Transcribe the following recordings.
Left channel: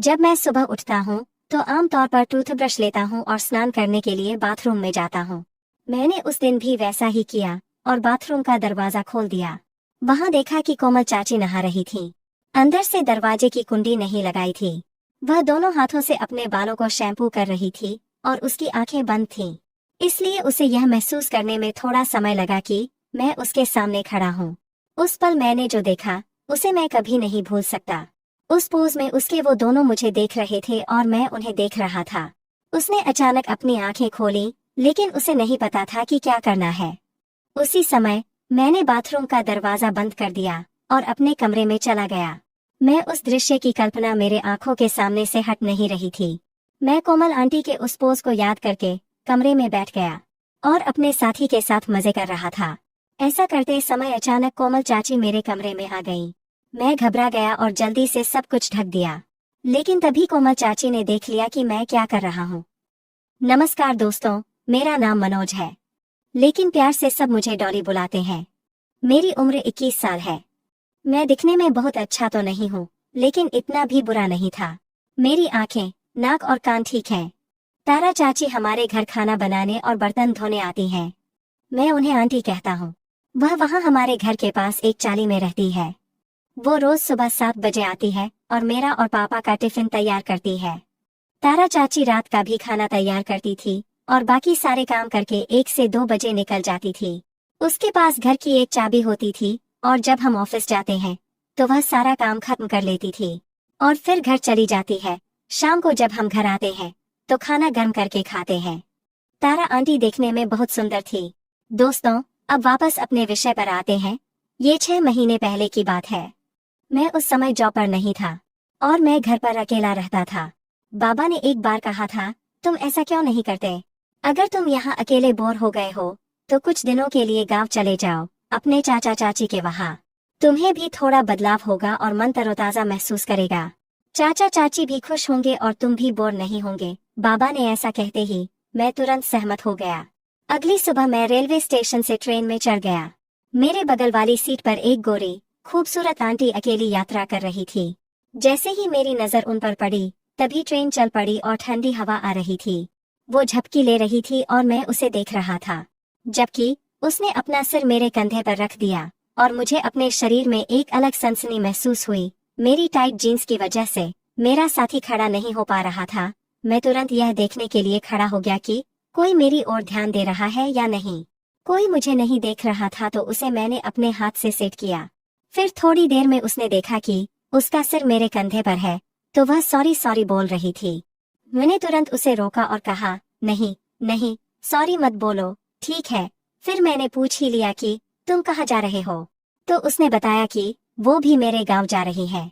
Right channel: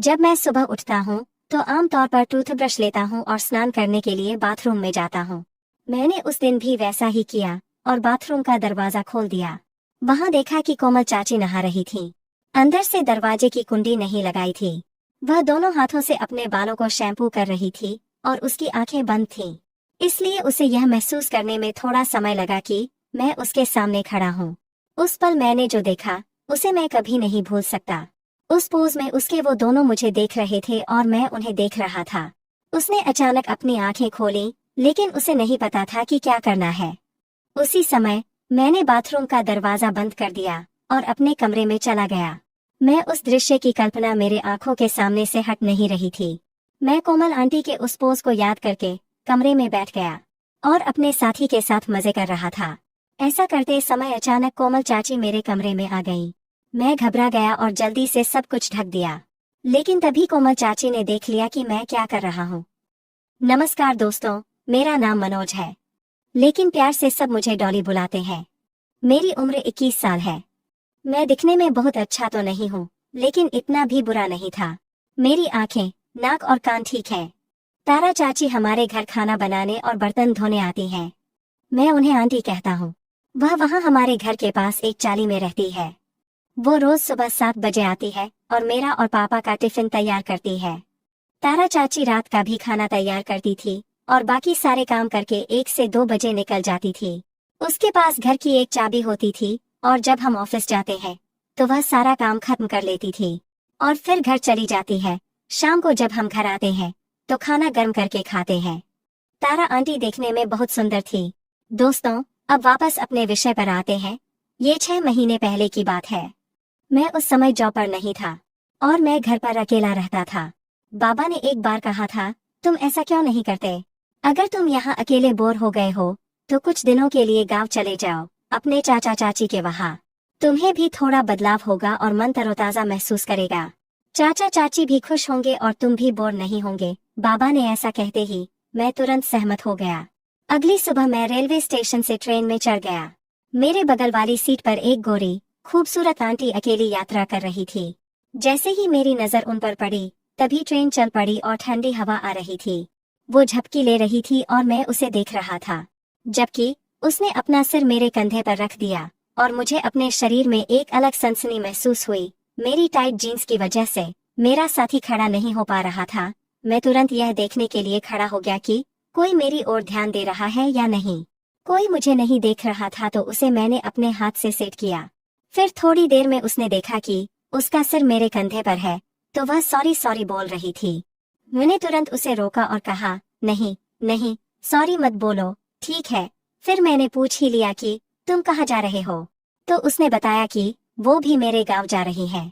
जब मैं सुबह उठता हूँ तो आमतौर पर टूथब्रश लेता हूँ और स्नान करने के लिए बाथरूम में जाता हूँ। मैंने उस दिन भी वैसा ही किया और बाथरूम का दरवाजा खोल दिया। वहां देखा कि कोमल चाची नहा रही थी। अंदर से दरवाजे की कुंडी नहीं लगाई थी। वह दोनों हाथों से अपने बालों को शैम्पू कर रही थी और उसकी आंखें बंद थीं। इसलिए उसे यह महसूस करने में थोड़ा समय लगा कि मैं उसके सामने खड़ा हूँ। उस पल मैंने जो देखा उसे मैं कभी नहीं भूल सकता। उस पोज में उसके वो दोनों मुझे देख रहे थे और मैं उन्हें देख रहा था। उसने अचानक अपनी आंखें खोली, लेकिन उसे नहीं पता था कि क्या करना है। उसी समय मैंने बाथरूम का दरवाजा बंद कर दिया और अपने कमरे में चला गया। मैं उस दृश्य की कल्पना मेरे आंखों के सामने से हट नहीं रही थी। मैं कोमल आंटी के उस पोज को याद करके कमरे में बैठ गया और अपने साथी के साथ मजे कर रहा था। ऐसा करते समय अचानक कोमल चाची मेरे कमरे में आ गई। मैं घबरा गया और जल्दी से सब कुछ ढक दिया। लेकिन तभी कोमल चाची ने देख लिया कि मैं क्या कर रहा हूँ। नमस्कार दोस्तों, मेरा नाम मनोज है, लेकिन प्यार से सब मुझे डॉली बुलाते हैं। मेरी उम्र 21 साल है। मैं दिखने में बहुत अच्छा तो नहीं हूँ, लेकिन इतना भी बुरा नहीं था। मेरी आंखें, नाक और कान ठीक हैं। तारा चाची हमारे घर खाना बनाने और बर्तन धोने आती हैं। मैं उन्हें आंटी कहता हूँ। वह वहाँ हमारे घर के पास एक चाली में रहती है। वो रोज सुबह 7 बजे आती है और मेरा और पापा का टिफिन तैयार करती है। तारा चाची रात का भी खाना तैयार करती थी और बाकी सारे काम करके 1 से 2 बजे निकल जाती थी। उसके पास घर की एक चाबी होती थी और जब हम ऑफिस जाते हैं तो वह सारा काम खत्म कर लेती थी और फिर घर चली जाती है। शाम को जब हम घर आते हैं तो खाना गर्म करके खाते हैं। तारा आंटी देखने में बहुत सुंदर थी। दोस्तों, अब वापस अपने विषय पर आते हैं। ये 6 महीने पहले की बात है। मैं उस समय जॉब पर नहीं था और मैं घर पर अकेला रहता था। बाबा ने एक बार कहा था, तुम ऐसा क्यों नहीं करते? अगर तुम यहाँ अकेले बोर हो गए हो तो कुछ दिनों के लिए गांव चले जाओ, अपने चाचा चाची के वहाँ। तुम्हें भी थोड़ा बदलाव होगा और मन तरोताजा महसूस करेगा। चाचा चाची भी खुश होंगे और तुम भी बोर नहीं होंगे। बाबा ने ऐसा कहते ही मैं तुरंत सहमत हो गया। अगली सुबह मैं रेलवे स्टेशन से ट्रेन में चढ़ गया। मेरे बगल वाली सीट पर एक गोरी खूबसूरत आंटी अकेली यात्रा कर रही थी। जैसे ही मेरी नजर उन पर पड़ी तभी ट्रेन चल पड़ी और ठंडी हवा आ रही थी। वो झपकी ले रही थी और मैं उसे देख रहा था, जबकि उसने अपना सिर मेरे कंधे पर रख दिया और मुझे अपने शरीर में एक अलग सनसनी महसूस हुई। मेरी टाइट जीन्स की वजह से मेरा साथी खड़ा नहीं हो पा रहा था। मैं तुरंत यह देखने के लिए खड़ा हो गया कि कोई मेरी ओर ध्यान दे रहा है या नहीं। कोई मुझे नहीं देख रहा था तो उसे मैंने अपने हाथ से सेट किया। फिर थोड़ी देर में उसने देखा कि उसका सिर मेरे कंधे पर है तो वह सॉरी सॉरी बोल रही थी। मैंने तुरंत उसे रोका और कहा, नहीं नहीं, सॉरी मत बोलो, ठीक है। फिर मैंने पूछ ही लिया कि तुम कहाँ जा रहे हो, तो उसने बताया कि वो भी मेरे गांव जा रही है।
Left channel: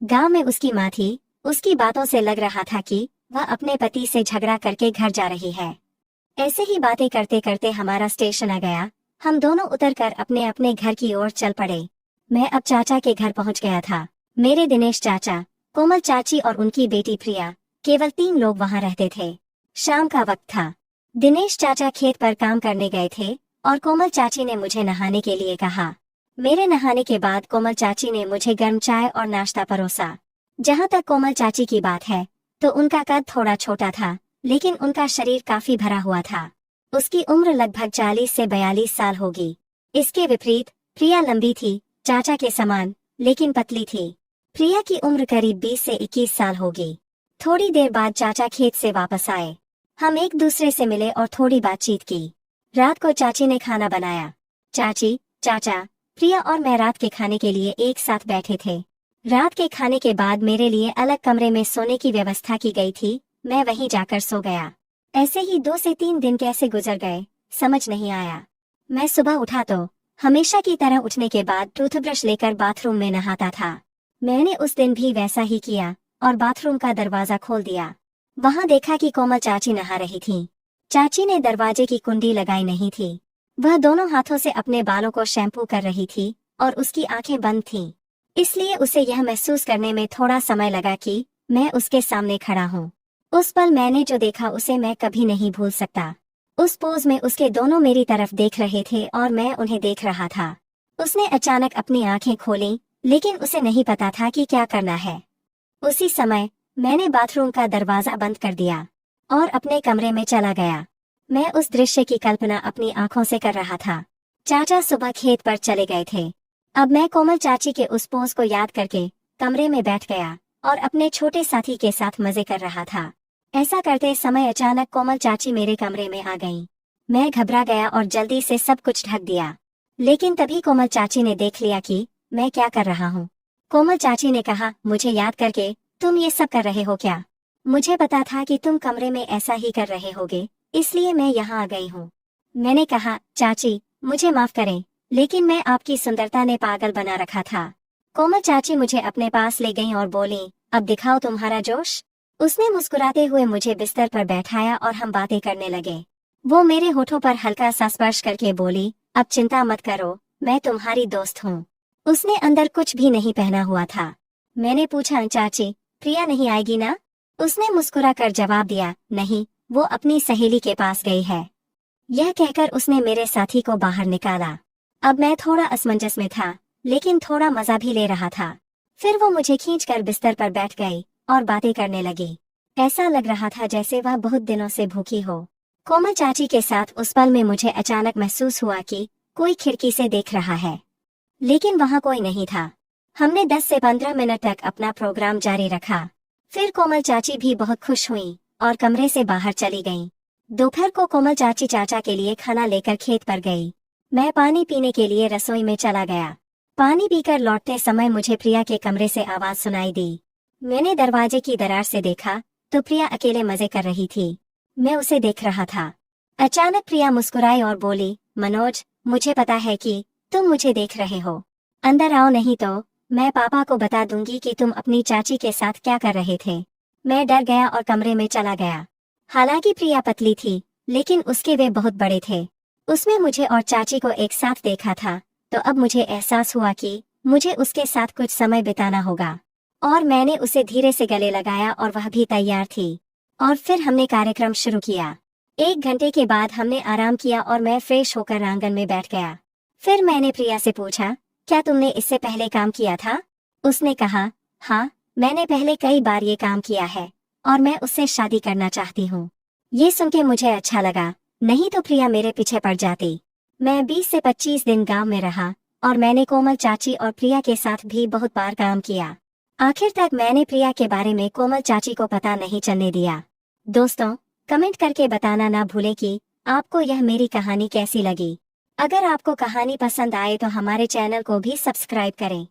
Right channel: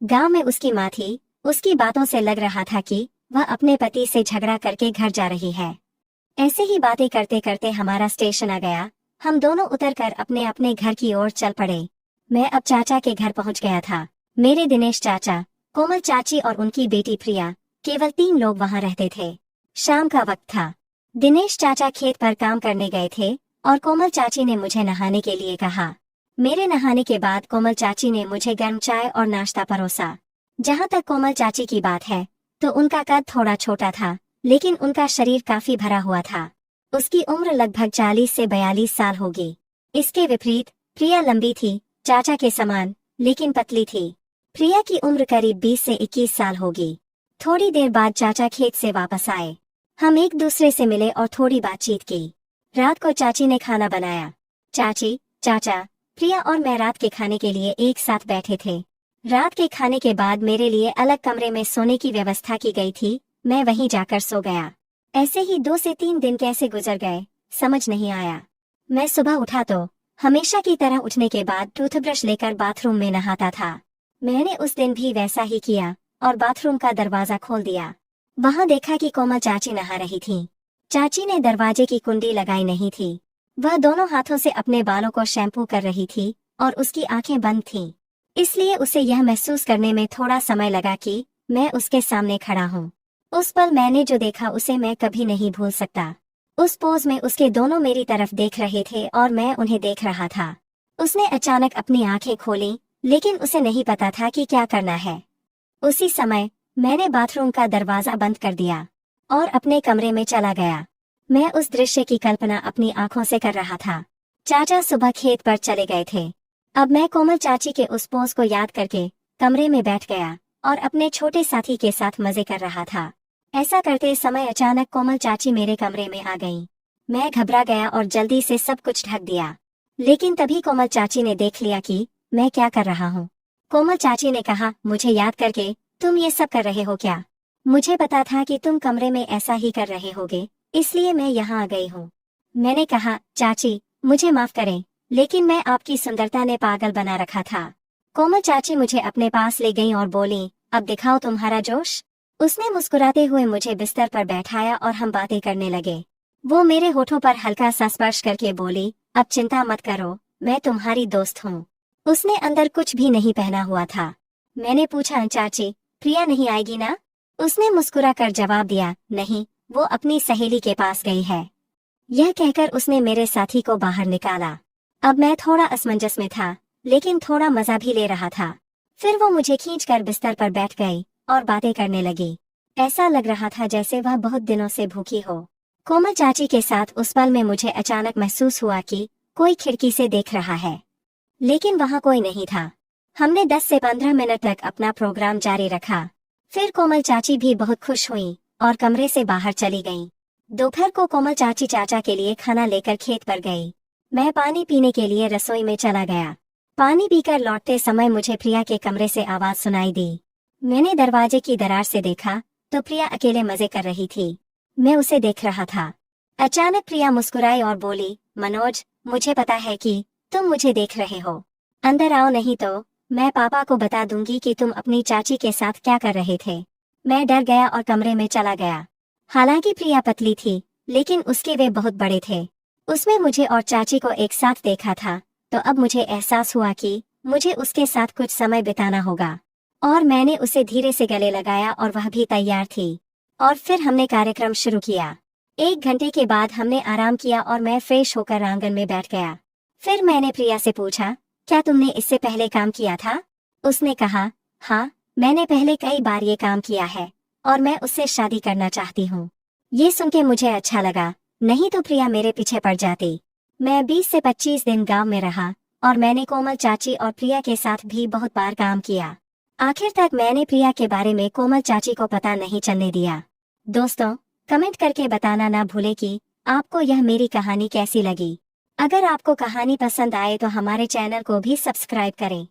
गांव में उसकी माँ थी। उसकी बातों से लग रहा था कि वह अपने पति से झगड़ा करके घर जा रही है। ऐसे ही बातें करते करते हमारा स्टेशन आ गया। हम दोनों उतरकर अपने अपने घर की ओर चल पड़े। मैं अब चाचा के घर पहुंच गया था। मेरे दिनेश चाचा, कोमल चाची और उनकी बेटी प्रिया, केवल 3 लोग वहां रहते थे। शाम का वक्त था। दिनेश चाचा खेत पर काम करने गए थे और कोमल चाची ने मुझे नहाने के लिए कहा। मेरे नहाने के बाद कोमल चाची ने मुझे गर्म चाय और नाश्ता परोसा। जहाँ तक कोमल चाची की बात है तो उनका कद थोड़ा छोटा था, लेकिन उनका शरीर काफी भरा हुआ था। उसकी उम्र लगभग 40 से 42 साल होगी। इसके विपरीत प्रिया लंबी थी, चाचा के समान, लेकिन पतली थी। प्रिया की उम्र करीब 20 से 21 साल होगी। थोड़ी देर बाद चाचा खेत से वापस आए। हम एक दूसरे से मिले और थोड़ी बातचीत की। रात को चाची ने खाना बनाया। चाची, चाचा, प्रिया और मैं रात के खाने के लिए एक साथ बैठे थे। रात के खाने के बाद मेरे लिए अलग कमरे में सोने की व्यवस्था की गई थी। मैं वहीं जाकर सो गया। ऐसे ही 2 से 3 दिन कैसे गुजर गए समझ नहीं आया। मैं सुबह उठा तो हमेशा की तरह उठने के बाद टूथब्रश लेकर बाथरूम में नहाता था। मैंने उस दिन भी वैसा ही किया और बाथरूम का दरवाजा खोल दिया। वहां देखा कि कोमल चाची नहा रही थी। चाची ने दरवाजे की कुंडी लगाई नहीं थी। वह दोनों हाथों से अपने बालों को शैम्पू कर रही थी और उसकी आंखें बंद थीं। इसलिए उसे यह महसूस करने में थोड़ा समय लगा कि मैं उसके सामने खड़ा हूँ। उस पल मैंने जो देखा उसे मैं कभी नहीं भूल सकता। उस पोज में उसके दोनों मेरी तरफ देख रहे थे और मैं उन्हें देख रहा था। उसने अचानक अपनी आंखें खोली, लेकिन उसे नहीं पता था कि क्या करना है। उसी समय मैंने बाथरूम का दरवाजा बंद कर दिया और अपने कमरे में चला गया। मैं उस दृश्य की कल्पना अपनी आंखों से कर रहा था। चाचा सुबह खेत पर चले गए थे। अब मैं कोमल चाची के उस पोज को याद करके कमरे में बैठ गया और अपने छोटे साथी के साथ मजे कर रहा था। ऐसा करते समय अचानक कोमल चाची मेरे कमरे में आ गईं। मैं घबरा गया और जल्दी से सब कुछ ढक दिया। लेकिन तभी कोमल चाची ने देख लिया कि मैं क्या कर रहा हूँ। कोमल चाची ने कहा, मुझे याद करके तुम ये सब कर रहे हो क्या? मुझे पता था कि तुम कमरे में ऐसा ही कर रहे होगे, इसलिए मैं यहाँ आ गई हूँ। मैंने कहा, चाची मुझे माफ करें, लेकिन मैं आपकी सुंदरता ने पागल बना रखा था। कोमल चाची मुझे अपने पास ले गईं और बोली, अब दिखाओ तुम्हारा जोश। उसने मुस्कुराते हुए मुझे बिस्तर पर बैठाया और हम बातें करने लगे। वो मेरे होठों पर हल्का सा स्पर्श करके बोली, अब चिंता मत करो, मैं तुम्हारी दोस्त हूँ। उसने अंदर कुछ भी नहीं पहना हुआ था। मैंने पूछा, चाची प्रिया नहीं आएगी ना? उसने मुस्कुरा कर जवाब दिया, नहीं, वो अपनी सहेली के पास गई है। यह कहकर उसने मेरे साथी को बाहर निकाला। अब मैं थोड़ा असमंजस में था, लेकिन थोड़ा मजा भी ले रहा था। फिर वो मुझे खींचकर बिस्तर पर बैठ गई और बातें करने लगी। ऐसा लग रहा था जैसे वह बहुत दिनों से भूखी हो। कोमल चाची के साथ उस पल में मुझे अचानक महसूस हुआ कि कोई खिड़की से देख रहा है, लेकिन वहाँ कोई नहीं था। हमने 10 से 15 मिनट तक अपना प्रोग्राम जारी रखा। फिर कोमल चाची भी बहुत खुश हुई और कमरे से बाहर चली गईं। दोपहर को कोमल चाची चाचा के लिए खाना लेकर खेत पर गई। मैं पानी पीने के लिए रसोई में चला गया। पानी पीकर लौटते समय मुझे प्रिया के कमरे से आवाज सुनाई दी। मैंने दरवाजे की दरार से देखा तो प्रिया अकेले मजे कर रही थी। मैं उसे देख रहा था। अचानक प्रिया मुस्कुराई और बोली, मनोज, मुझे पता है कि तुम मुझे देख रहे हो। अंदर आओ, नहीं तो मैं पापा को बता दूंगी कि तुम अपनी चाची के साथ क्या कर रहे थे। मैं डर गया और कमरे में चला गया। हालांकि प्रिया पतली थी, लेकिन उसके वे बहुत बड़े थे। उसमें मुझे और चाची को एक साथ देखा था, तो अब मुझे एहसास हुआ कि मुझे उसके साथ कुछ समय बिताना होगा। और मैंने उसे धीरे से गले लगाया और वह भी तैयार थी। और फिर हमने कार्यक्रम शुरू किया। 1 घंटे के बाद हमने आराम किया और मैं फ्रेश होकर आंगन में बैठ गया। फिर मैंने प्रिया से पूछा, क्या तुमने इससे पहले काम किया था? उसने कहा, हाँ, मैंने पहले कई बार ये काम किया है और मैं उससे शादी करना चाहती हूँ। ये सुन के मुझे अच्छा लगा, नहीं तो प्रिया मेरे पीछे पड़ जाती। मैं 20 से 25 दिन गांव में रहा और मैंने कोमल चाची और प्रिया के साथ भी बहुत बार काम किया। आखिर तक मैंने प्रिया के बारे में कोमल चाची को पता नहीं चलने दिया। दोस्तों, कमेंट करके बताना ना भूलें कि आपको यह मेरी कहानी कैसी लगी। अगर आपको कहानी पसंद आए तो हमारे चैनल को भी सब्सक्राइब करें।